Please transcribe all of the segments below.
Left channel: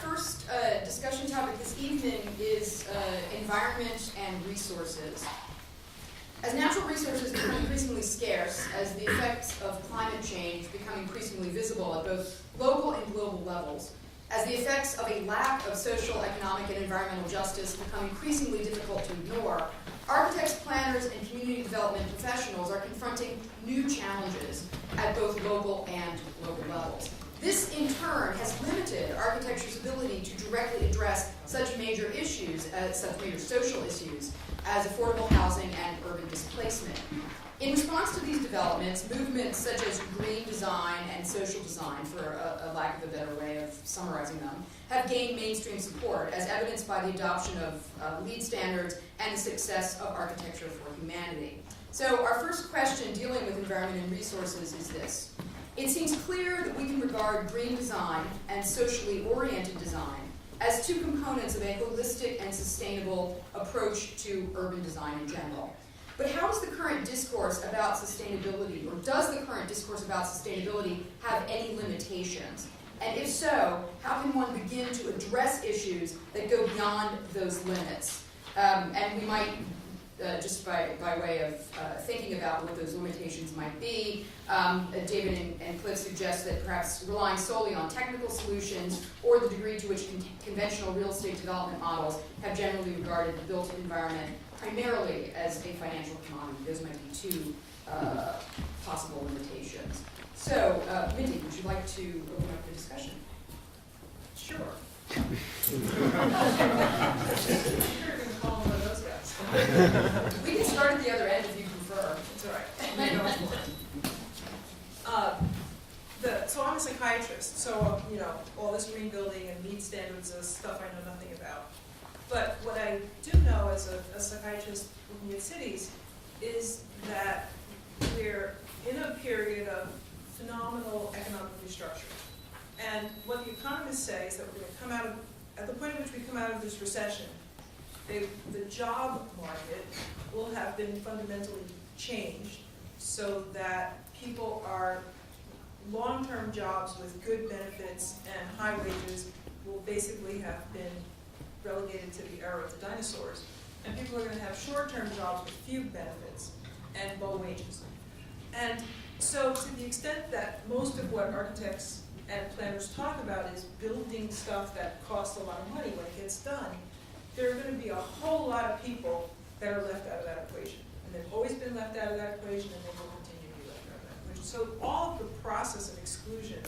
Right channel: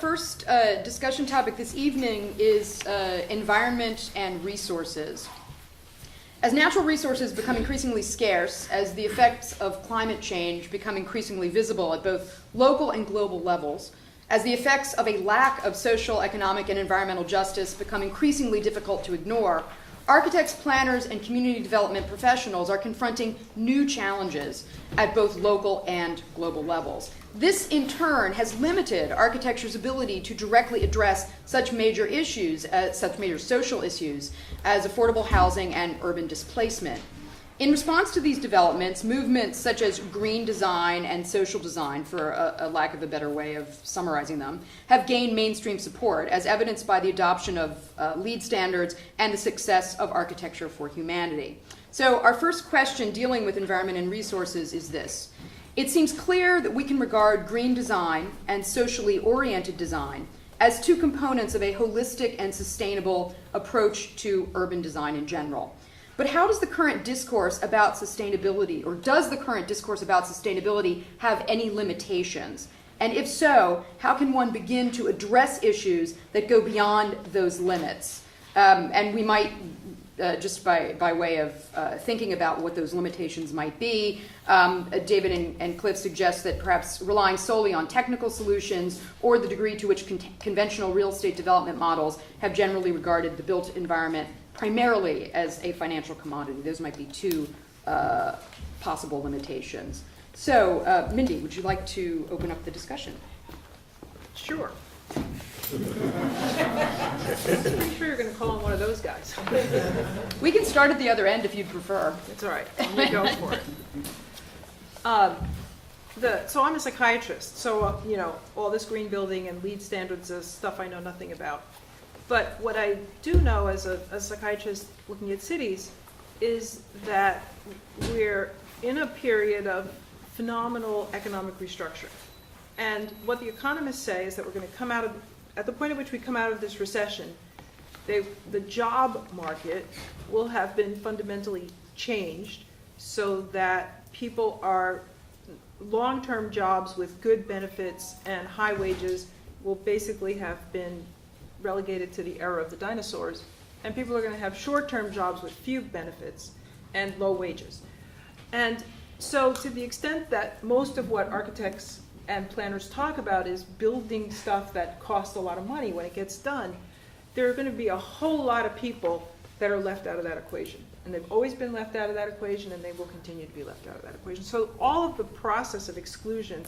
first discussion topic this evening is environment and resources. As natural resources become increasingly scarce, as the effects of climate change become increasingly visible at both local and global levels, as the effects of a lack of social, economic, and environmental justice become increasingly difficult to ignore, architects, planners, and community development professionals are confronting new challenges at both local and global levels. This, in turn, has limited architecture's ability to directly address such major issues, such major social issues, as affordable housing and urban displacement. In response to these developments, movements such as green design and social design, for a lack of a better way of summarizing them, have gained mainstream support, as evidenced by the adoption of LEED standards and the success of Architecture for Humanity. So our first question dealing with environment and resources is this. It seems clear that we can regard green design and socially oriented design as two components of a holistic and sustainable approach to urban design in general. But how does the current discourse about sustainability, or does the current discourse about sustainability have any limitations? And if so, how can one begin to address issues that go beyond those limits? And we might, just by way of thinking about what those limitations might be, David and Cliff suggest that perhaps relying solely on technical solutions or the degree to which conventional real estate development models have generally regarded the built environment primarily as a financial commodity. Those might be two possible limitations. So, Mindy, would you like to open up the discussion? Sure. I'm sure you're going to call him one of those guys. We can start at the other end if you prefer. It's all right. I'm going to go for it. So I'm a psychiatrist, so all this green building and LEED standards is stuff I know nothing about. But what I do know as a psychiatrist looking at cities is that we're in a period of phenomenal economic restructuring. And what the economists say is that we're going to come out of, at the point at which we come out of this recession, the job market will have been fundamentally changed so that people are long-term jobs with good benefits and high wages will basically have been relegated to the era of the dinosaurs, and people are going to have short-term jobs with few benefits and low wages. And so to the extent that most of what architects and planners talk about is building stuff that costs a lot of money when it gets done, there are going to be a whole lot of people that are left out of that equation. And they've always been left out of that equation, and they will continue to be left out of that equation. So all of the process of exclusion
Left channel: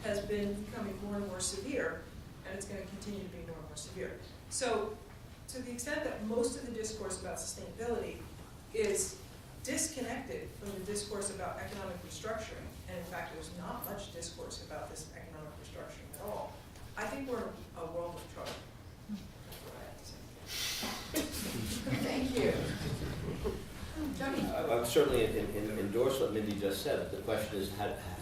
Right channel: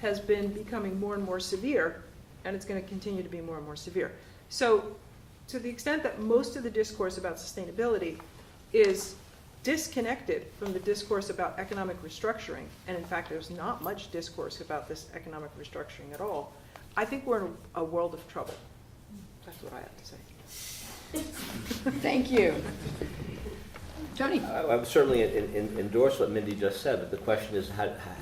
has been becoming more and more severe, and it's going to continue to be more and more severe. So to the extent that most of the discourse about sustainability is disconnected from the discourse about economic restructuring, and in fact there's not much discourse about this economic restructuring at all, I think we're in a world of trouble. That's what I have to say. Thank you. Tony? I would certainly endorse what Mindy just said, but the question is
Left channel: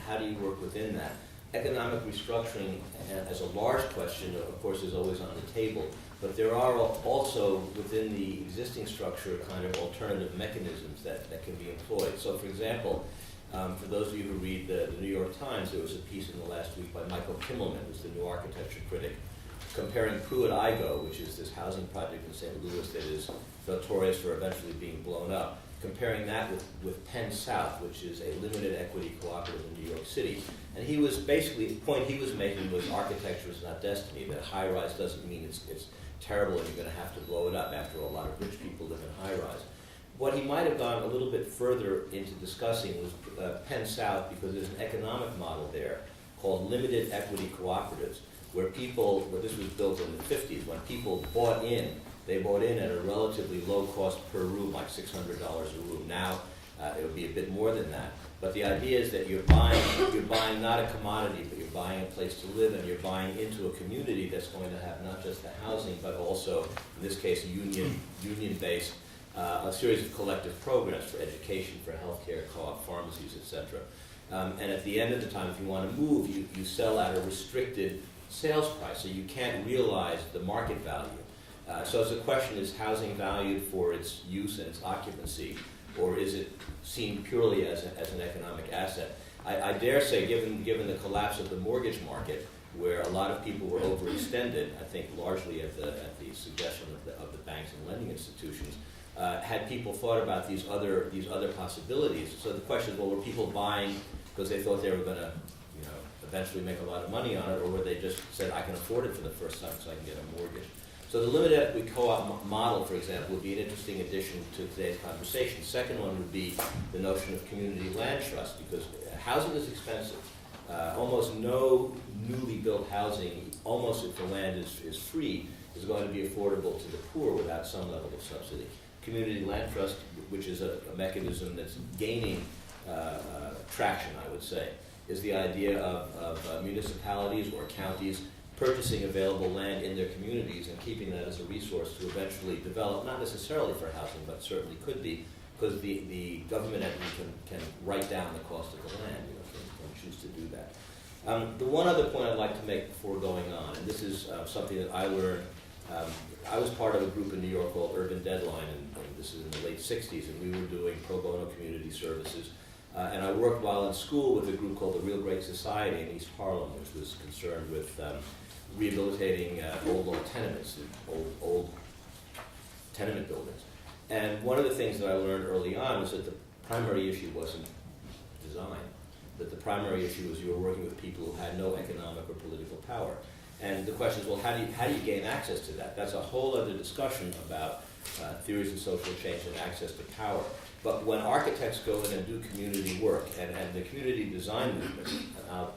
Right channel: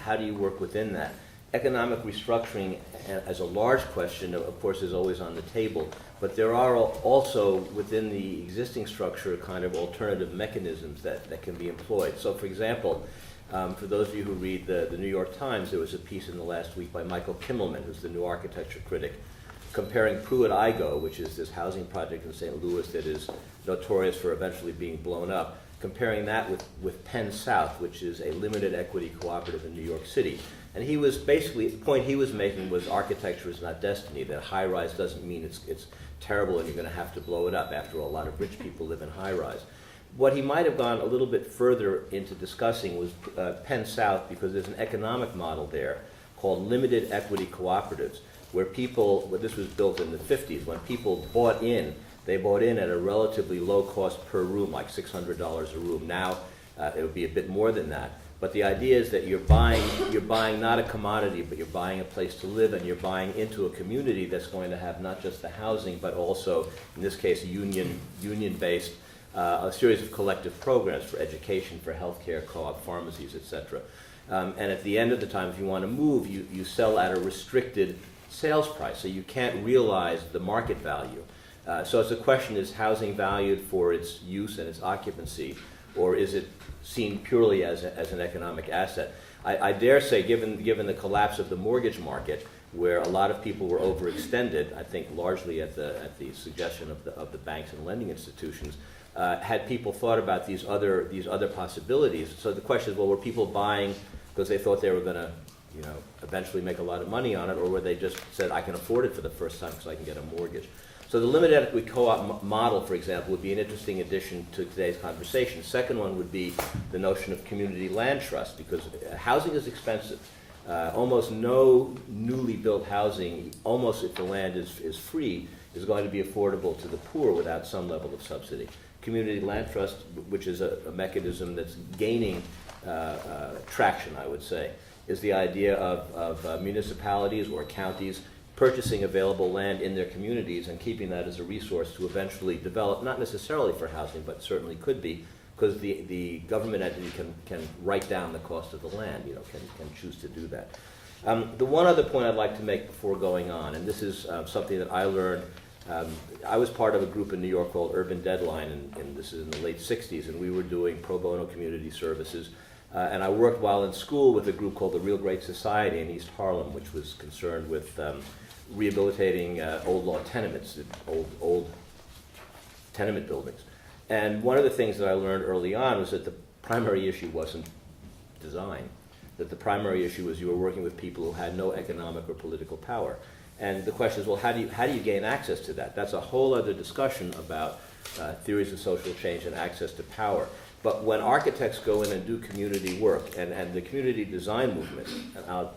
how do you work within that? Economic restructuring as a large question, of course, is always on the table, but there are also within the existing structure kind of alternative mechanisms that can be employed. So, for example, for those of you who read the New York Times, there was a piece in the last week by Michael Kimmelman, who's the new architecture critic, comparing Pruitt-Igoe, which is this housing project in St. Louis that is notorious for eventually being blown up, comparing that with Penn South, which is a limited equity cooperative in New York City. And he was basically, the point he was making was architecture is not destiny, that high-rise doesn't mean it's terrible and you're going to have to blow it up. After all, a lot of rich people live in high-rise. What he might have gone a little bit further into discussing was Penn South, because there's an economic model there called limited equity cooperatives, where people, this was built in the 50s, when people bought in, they bought in at a relatively low cost per room, like $600 a room. Now it would be a bit more than that. But the idea is that you're buying not a commodity, but you're buying a place to live, and you're buying into a community that's going to have not just the housing, but also, in this case, union-based, a series of collective programs for education, for healthcare, co-op pharmacies, etc. And at the end of the time, if you want to move, you sell at a restricted sales price, so you can't realize the market value. So it's a question, is housing valued for its use and its occupancy, or is it seen purely as an economic asset? I dare say, given the collapse of the mortgage market, where a lot of people were overextended, I think largely at the suggestion of the banks and lending institutions. Had people thought about these other possibilities? So the question is, well, were people buying because they thought they were going to, eventually make a lot of money on it, or were they just said, I can afford it for the first time because I can get a mortgage? So the limited equity co-op model, for example, would be an interesting addition to today's conversation. Second one would be the notion of community land trust, because housing is expensive. Almost no newly built housing, almost if the land is free, is going to be affordable to the poor without some level of subsidy. Community land trust, which is a mechanism that's gaining traction, I would say, is the idea of municipalities or counties purchasing available land in their communities and keeping that as a resource to eventually develop, not necessarily for housing, but certainly could be, because the government entity can write down the cost of the land, can choose to do that. The one other point I'd like to make before going on, and this is something that I learned, I was part of a group in New York called Urban Deadline, and this is in the late 60s, and we were doing pro bono community services. And I worked while in school with a group called the Real Great Society in East Harlem, which was concerned with rehabilitating old law tenements, old tenement buildings. And one of the things that I learned early on was that the primary issue wasn't design, that the primary issue was you were working with people who had no economic or political power. And the question is, well, how do you gain access to that? That's a whole other discussion about theories of social change and access to power. But when architects go in and do community work, and the community design movement, and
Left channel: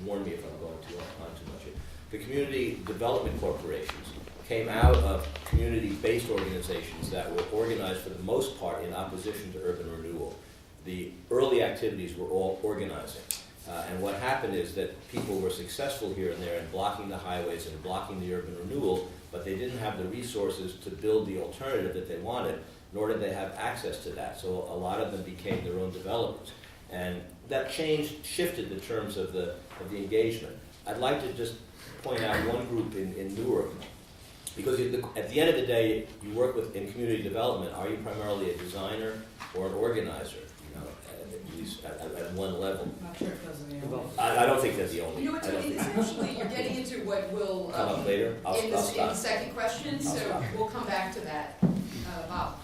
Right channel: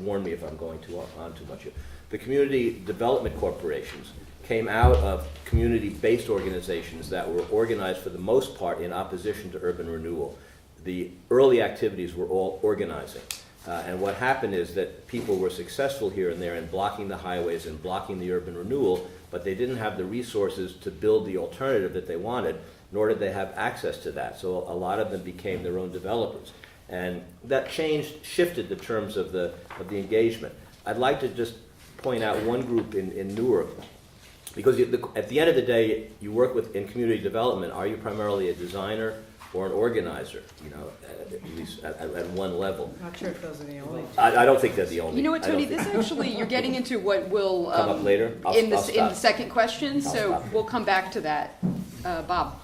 warn me if I'm going on too much here, the community development corporations came out of community-based organizations that were organized for the most part in opposition to urban renewal. The early activities were all organizing. And what happened is that people were successful here and there in blocking the highways and blocking the urban renewal, but they didn't have the resources to build the alternative that they wanted, nor did they have access to that. So a lot of them became their own developers. And that shifted the terms of the engagement. I'd like to just point out one group in Newark, because at the end of the day, you work in community development. Are you primarily a designer or an organizer? At least at one level. I'm not sure if those are the only. I don't think they're the only. You know what, Tony? This actually, you're getting into what will come up later. in the stop. second question, I'll so stop. we'll come back to that. Bob.